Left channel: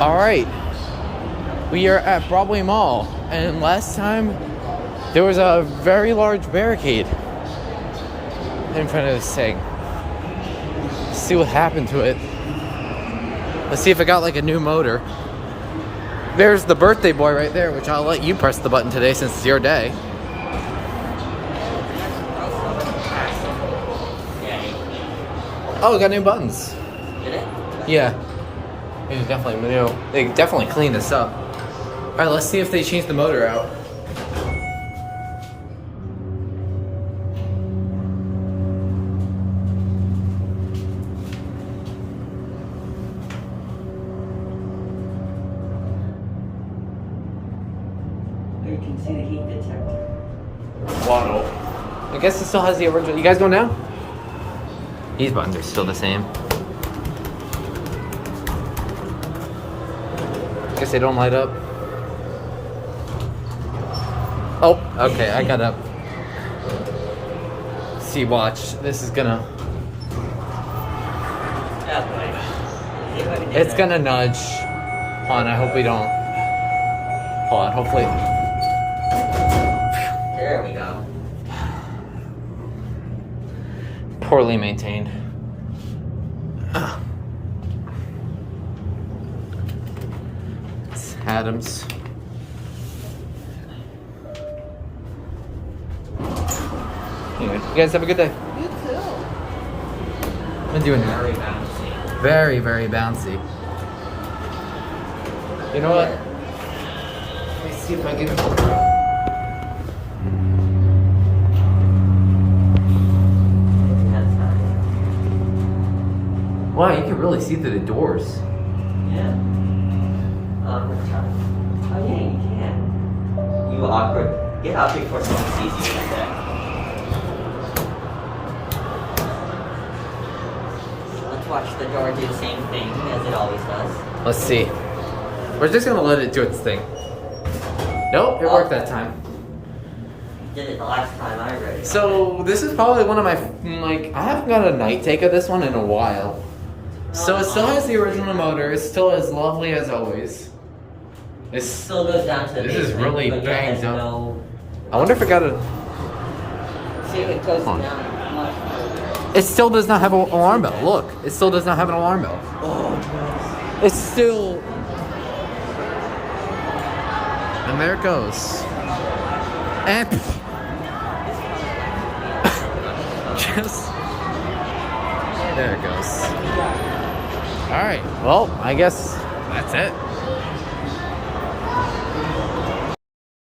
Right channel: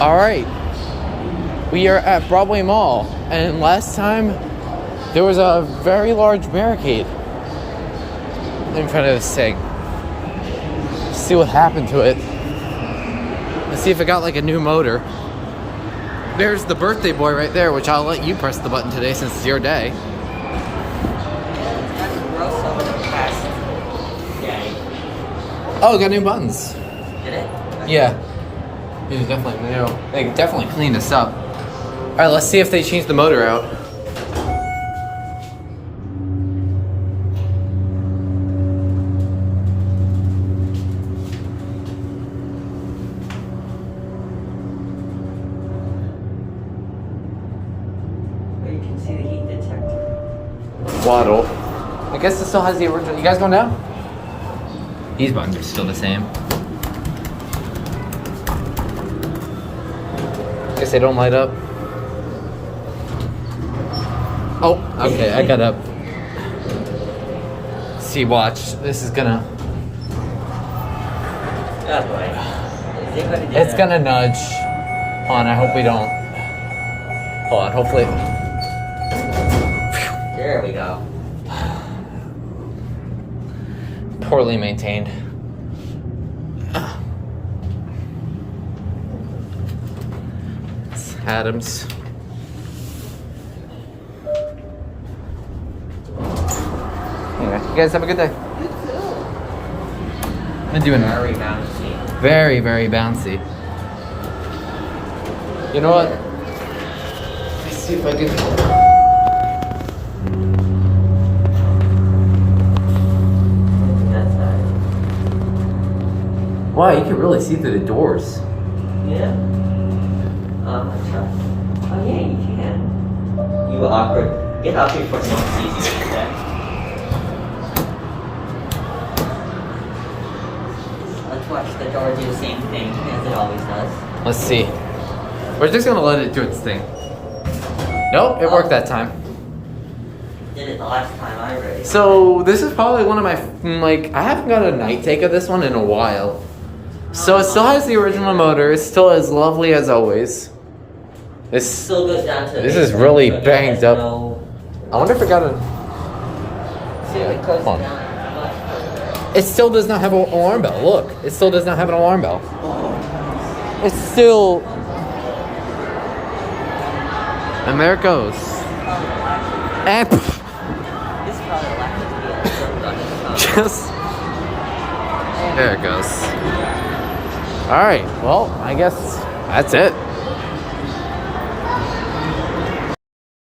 All right, we are at Broadway Mall, and last time there was a very large barricade in front of this thing. Let's see what happened to it. Let's see if it got like a new motor. There's the birthday boy right there, which I'll let you press the button today since it's your day. Oh, it got new buttons. Did it? Yeah. It was definitely new. They definitely cleaned this up. All right, let's see if they changed the motor out. You can see the heat detector. Waddle. I guess it still has the original. You guys going down? These buttons are still the same. Guess they don't light up. Oh, okay, I got up. See, watch. This is gonna... It's gonna nudge. Hold on, I hope we don't. Hold on, hopefully. There we go. Poorly maintained. It's Adams. Anyway, you guys have a good day. You too. I'm doing Very bouncy. very, very bouncy. You know what? Let me see if I can. Wow, you can really see through the doors. Yeah? Oh yeah, you can. You awkward. Get awkward for someone sees you like that. Let's watch the door do the same thing as it always does. Let's see. We're just gonna let it do its thing. Nope, it worked that time. Did it the last time I read it. So this is probably one of my, like, I haven't got a night take of this one in a while. So it still has the original motor. It's still as lovely as always. This Still goes down to This is really but banged it up. has no- I wonder if it got a. Yeah, it goes hold on. down much further. It still does not have an alarm bell. Look, it still does not have an alarm bell. It's still. And there it goes. And just there it goes. All right. Well, I guess that's it.